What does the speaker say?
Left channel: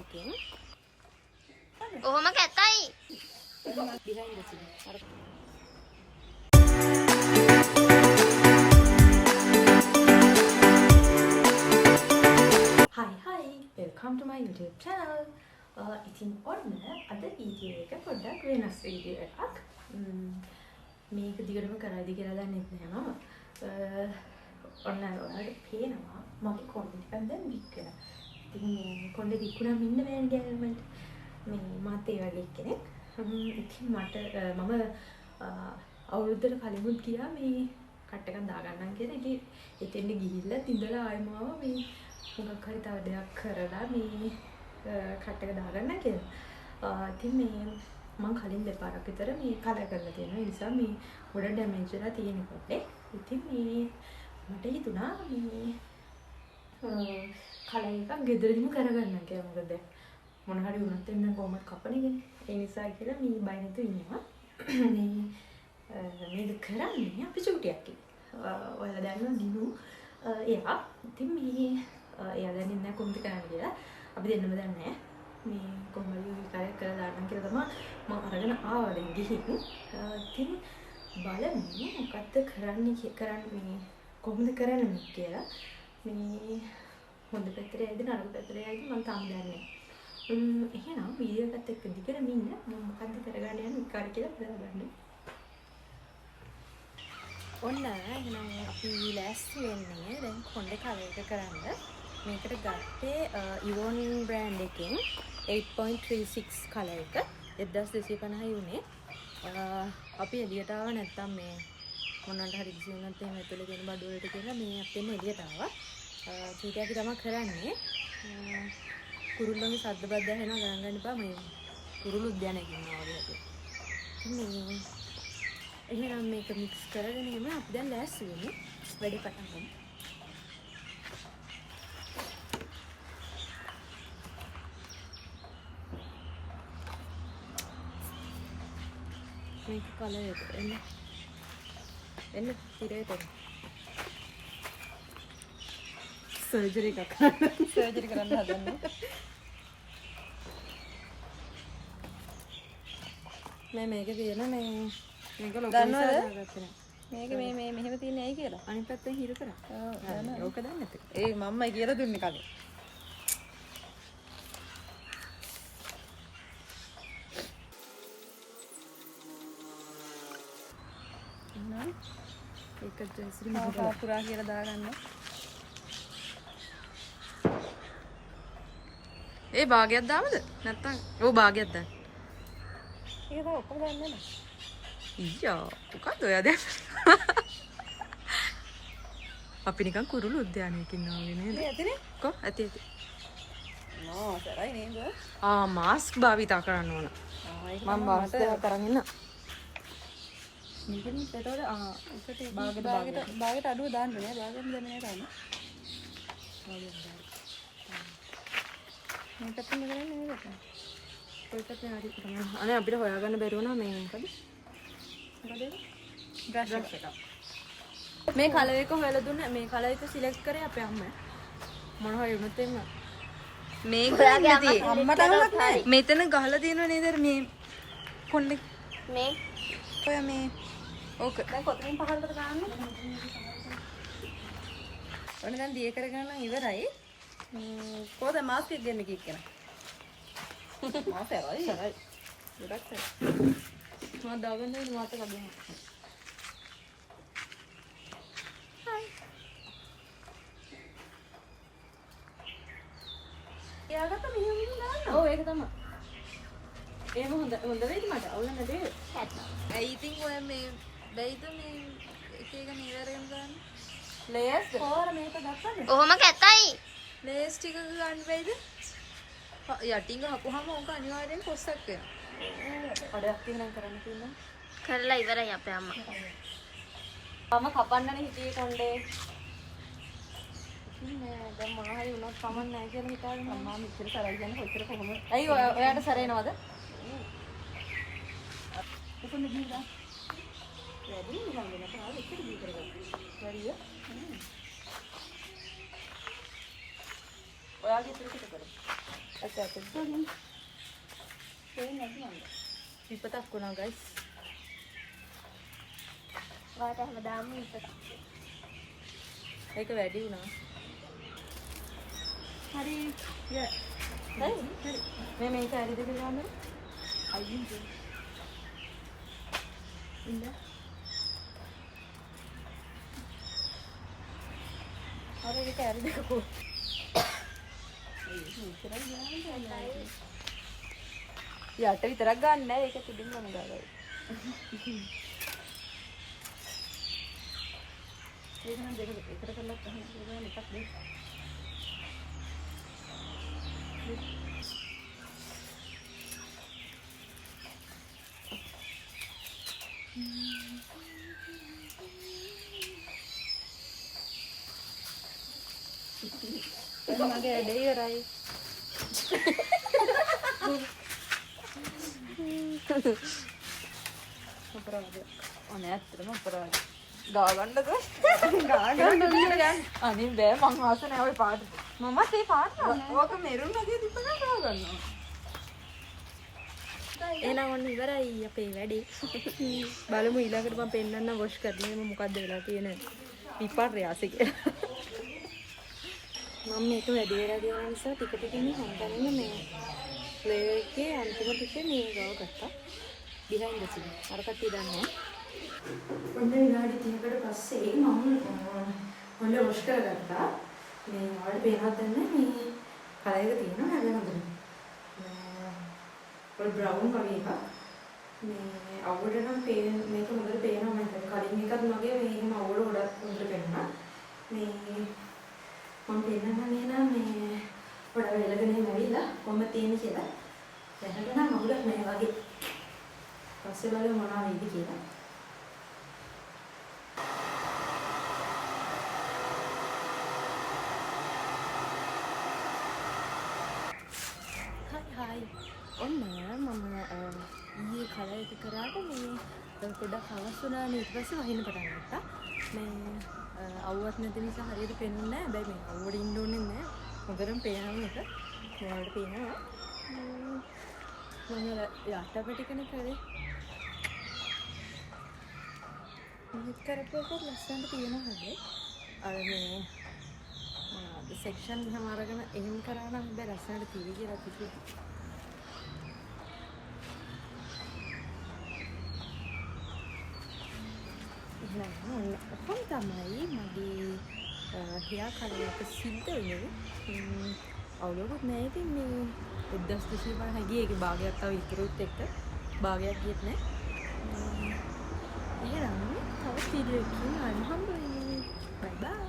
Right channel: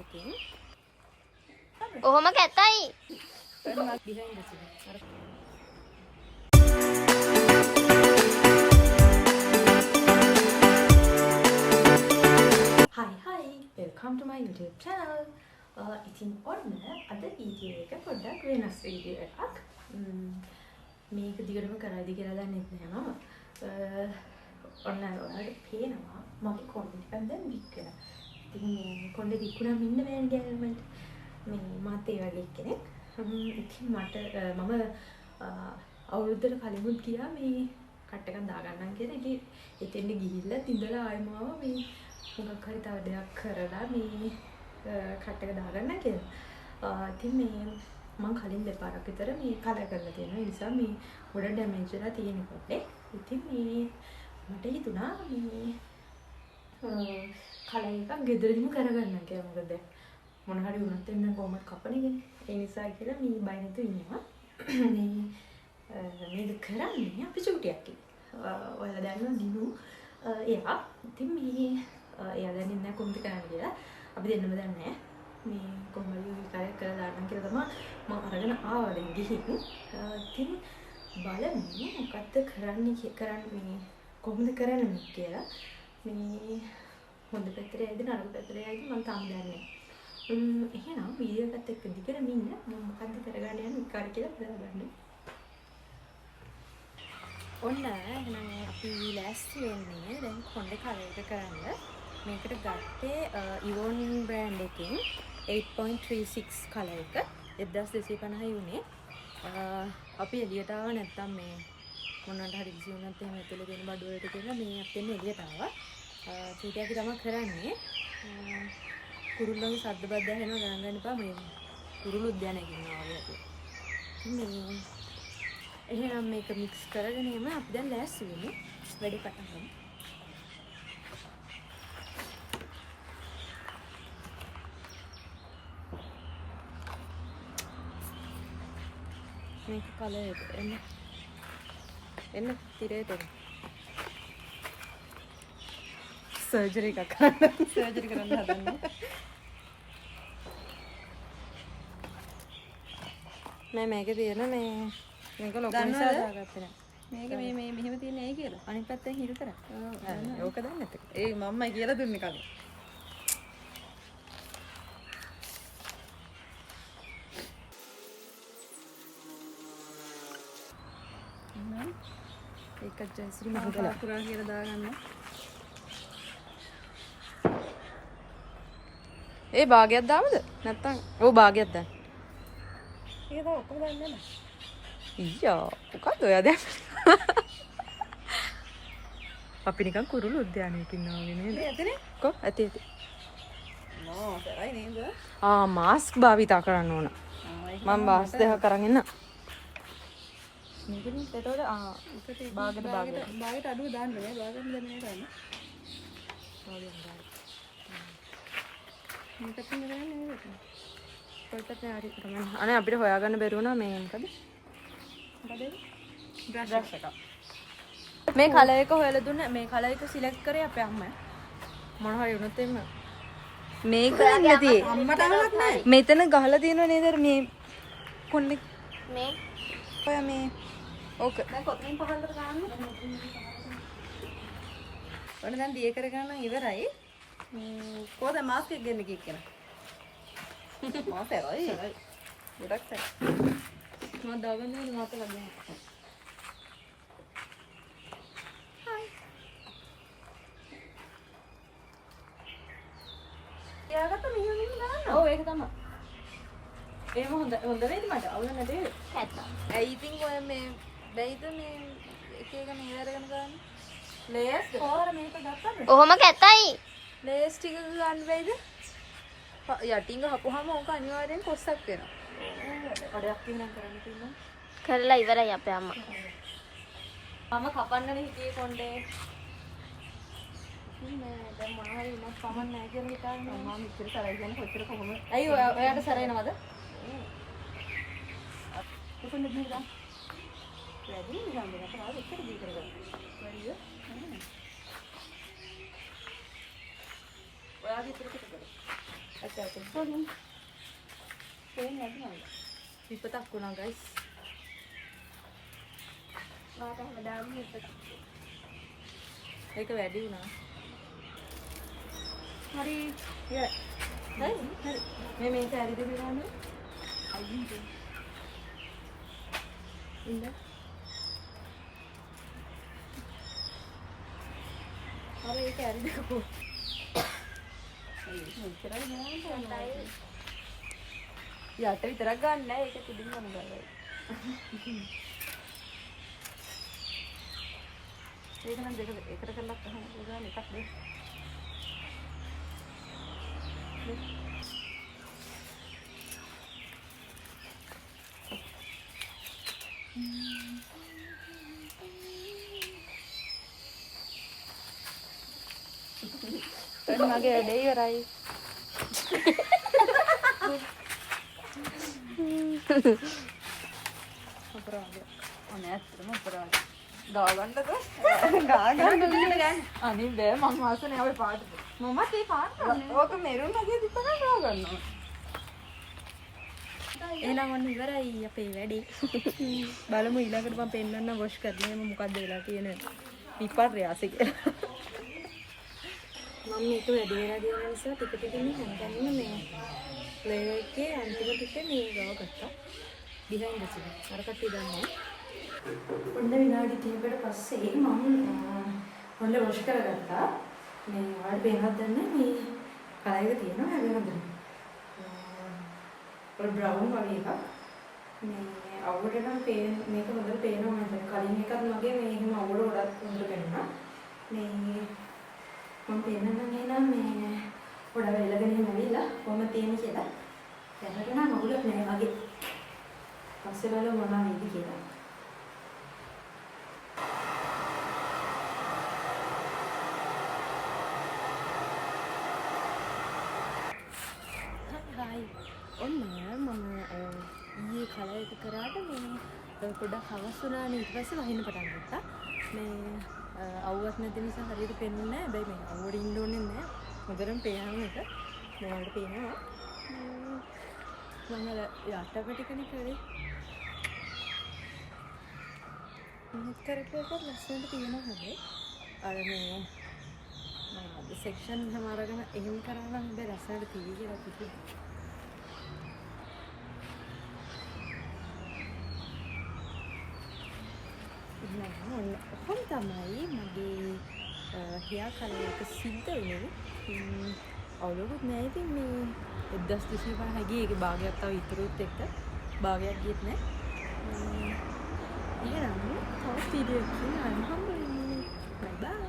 එකකින්. කොහොම කැතයි. Hi, welcome to my YouTube channel. ඉතින් ඔන්න අද වීඩියෝ එක පොඩ්ඩක් වෙනස් වීඩියෝ එකක්. මේක දිගටම කරයිද කියලා දන්නේ නැහැ මම. ඔන්න ඔයාලට පේනවා මගේ කොණ්ඩේ ටිකක් දැන් වික් වෙලා. ඉතින් මේ කොණ්ඩේ විකුණාම ඉන්න බෑනේ ගෑල්මන්ට. මේ මාත් ඒ වගේ කෙනෙක්. ඉතින් මම අවුරුද්දට කලිමුත් ගියා මේ කට් එකක් දාගන්නම් කියලා. ඉතින් එතෙන්ට ගිහිල්ලා තින්දලා ආයෙම ආවා මේ මොකක් හරි තව දෙයක් කරලා මේ කට් එක දාගන්න කියලා. ඉතින් මේ මම කලින් දෙපාරක් විතර මේ කලර් කරලා තියෙනවා. ඒ නිසා මේ ගොඩ ඩැමේජ් වෙලා තියෙන කොටේ. ඉතින් මේ මට හිතුණා මේ කලර් එකක් ගෙදරදිම කරගන්න කියලා. මොකද මොන හරි වුණත් එන්න කොහොමද කපන්නේ. ඒ නිසා කියලා මේ බය නැතුව ඉන්නවා. මේක කරන්නේ අපි චූටියක් කියලා. ඔයාලා දන්නවා දිනු එයා. ඉතින් මේ එයා දන්නේ නැහැ කොහොමද කරන්නේ කියලා. අපි දෙන්නම දන්නේ නැහැ. මේ කොහොමද විකාරයක් කරලා දාන්න කියලා තමයි මම අරගෙන ආවා දැන් ගිහින්. ඉතින් බලමු මොකද්ද කරන්නේ කොහොමද කරන්නේ කියලා. මේ හොඳ පැත්තට යයිද නරක පැත්තට යයිද මම තාම දන්නේ නැහැ. එහෙනම් වීඩියෝ එකත් එක්ක දිගටම ඉන්න මම මොකද්ද කරගන්න යන්නේ විකාර කියලා බලන්න. ඔන්න එහෙනම් අපි ලෑස්ති වෙන්නේ දැන් කොණ්ඩේ කලර් එක කරන්න. මේකට ගත්තේ ඉවොන් බ්‍රෑන්ඩ් එකෙන් 8.36 කලර් එක 1250 උනේ. අපි එළියට ආව නැත්තම් මේ මොනවට හරි කිසි වුණත් එහෙම ඇතුලේ තියෙන බඩු වලට කියලා මේ අපෙන් එළියට ආවා. ඊට තමයි කරන්නේ. කුරුල්ලන්ගේ ශබ්ද බද්ද ඇහෙනවා ගණන් ගන්න එපා. මේ කුරුළු උද්‍යානයක ඉන්නවා වගේ අපි. මේ එහෙනම් මේක මික්ස් කරගෙන එම අපි දැන් ලෑස්ති වෙමු. වැඩේ පටන් ගමු. මේක කලර් එක එන්න තිරේට සර්ජරි එකක් කරන්න හදන්නේ. මේකේ තියෙන මේක ලොකු නිසා දාගත්තේ නෑ. මේක මේ මෙහෙම තියෙන්නේ ඇයි කියලා. අනිත් පැත්තෙන් හිරු කරා. ඔව්. ඕක දන්නේ නැත්තේ. ඒ මම්මයි කියලා දුන්නේ කලින්. ඒක ජයසිරි මම පාකුරා කියලා දාගන්න. ඒ භාගයක් දාමද? නැත්තම් ඔව් භාගයක් දාන්න. ඒක තමයි ඔක්කොම දාන්නේ නැහැ. ඊයා මොකද්ද ඔයා දැන්? අපි නිකන් කුරුළු උද්‍යානයක ඉන්නවා වගේ නේද? ඇතනේ. කො ඇති. නෝ සරයි නේද? මාස්ක් භාවිතා කරන්න ඕන. මම මාස්ක් දෙක කරන් ඉන්න. මේකෙන් එතකොට ඒකට භාගයට අඩුව දාන්න බෑ. භාගෙම දැම්මේ නැහැ. භාගයක් දාන්න. මේකත් කරන්නේ නේද? කොයිකත් නෑ හරි තමයි. අනේ අපිට හොයාගන්න බැරි වුණා මේ මොකද? මොකද ඒක? බ්‍රෂ් එක. මේ කලර් එක හොයලා දුන්න මේ කලර් එක සිලෙක්ට් කරේ අපේ අම්මා. මොන හරි වුණත් එන්න. මේ බ්‍රෑන්ඩ් නැති. අම්මට අහුවක් නැහැ. මෙතන ගහලා තියෙනව නේද මේ කොණ්ඩේ මේ ඔය මේ ඕක. දැන් කොතනින් පහළට ගන්නද? ඔන්න දැන් දිය කරගන්න ඉවරයි. කොහොමද මාස්ක් එක ගන්න කීයක් කරා? මාත් ඇරයි. ගොඩක් සරයි. මම දාගන්න ඕනේ මාත් එක ගන්න. හයි. එයාකට මෙහෙම දාන්න. ඔව් ඒක තමයි. එහෙම හොඳ වෙයිද මට? අවුල නැදේ. ඇත්ත. ඇයි ඉතින් ඔය මේ වෙයිද මේ එක එක නීරගෙන ගන්න? ලේස් කොහොර මේක ගත්තද? කොහොම කැතයි. ලේස් ටික ගන්න වෙයිද? යටින් ගහපුවාම ඕක අනිවාර්යෙන් කොස්සක් වෙනවා. ඔඩයක් තියෙනම් කරන්න තියෙනවා. කරලා ඉවරයි අපේ අම්මා. මම කපන්නනේ හිතේ කොණ්ඩේ. ඉතින් දැන් මොන හරි වුණත් කමක් නැහැ කියලා හිතාගෙන අම්මා මෙච්චර සරයි කියන්නේ කොච්චර කොහොමද? ඇයි ඔයාට සරේනවද? කොතනද ගිහලා? වැඩි නිකන් දෙන්න තමයි එච්චර දී කරගන්න. හරිය? ඔයාගේ ඉතුරු ටික කරමු. විපතක් වුණා ගයිස්. ඒක වැඩි වුණා. හරි. හරි. මේ සෑරි දෙක ගන්නද? ඉන්න. හරි ඒක සෑරි දෙක පොත්. යට විතරක් ගන්න නෑ ඒක තිබින්න ඕනේ. ඒක නම් දෙක එකට කරලා ගන්න එකක් දෙන්න. මගේ වැඩේ ඉවරයි. අපරාධයක්. අනේ ඇත්තටම අපරාධ. ගාගන්නද? ගාගන්න ගන්න. අනිත් බෑ මම මාස නෑ ඔය පාට. මමත් ඒ පාට. ඕක මෙරුන් වගේ තිබ්බනම් ගාගන්න. එහෙනම් ඔන්න ඉවරයි අපේ වැඩේ. බලමු ඊළඟට මම පෙන්නන්න වොෂ් කරලා එම මොකද්ද වෙලා තියෙන විපර්යාසය කියලා. මම මේක වැඩි වෙලා ගිය නිසා ටික ටික හම්බන්නේ මේ ප්ලේට්ගේ අන්තිම ටික මේ ගාව ගත්තා. බිහයින්ඩ් ද සීන්. අර කට්ටිය දන්නවා. ඔන්න විනාඩි 30කට පස්සේ මම ඔන්න වොෂ් කරගත්තා. මේ ඔයාලට පේනවද දන්නේ මේ කලයක තියෙනවා හැබැයි ඔය බ්‍රවුන් වගේ එකක්. මේ අවුවට නම් මේක හොඳට පේනවා මම හිතන්නේ. කලින් එකත් මගේ මේ එහෙම අවුවට ගොඩක් හොඳට පේනවා. මේ මම පේනන්නේ නම් මේ ගොඩක් වෙලගෙන ඉවිලා කොහොම තියෙන කියලා. දැනට නම් අවුලක් නෑ වගේ. පස්සේ බලමු මොනවා වෙයිද කියලා. හයි ඔන්න මම ඊයේ කලර් එක කරාට මේ පොඩ්ඩක් හවස් වුණානේ ඊට පස්සේ වහින්න පටන් ගත්තා. මේ අවුවත් නැති නිසා හරියට පේන්නේ නැහැ. හැබැයි මේ අවුවට ඉන්න ඕනේ නැහැ. හොඳටම පේනවා එක. මොනවලට පේනවා. මම යටපටිකනේ කරේ. මේක කරපුවක ලස්සනට තියෙනවා හැබැයි. අර මේ මොනවද සෙක්ෂන් එහෙම අරගෙන එහෙම කරා නම් හැබැයි ලස්සනට තියෙයි කියලා කිව්වා. ඔහොම තමයි මගේ හෙයා කලර් එක සිද්ධ වුණේ. අවුලකුත් නෑ ඉතින් මේ 1250 ගියේ ඒකේ භාගයක් තව ඉතුරුත් එක්ක භාගයක් ගියෙත් නෑ. එහෙනම් තවත් වීඩියෝ එකකින් ආයෙ හම්බ වෙමු. බයි බයි.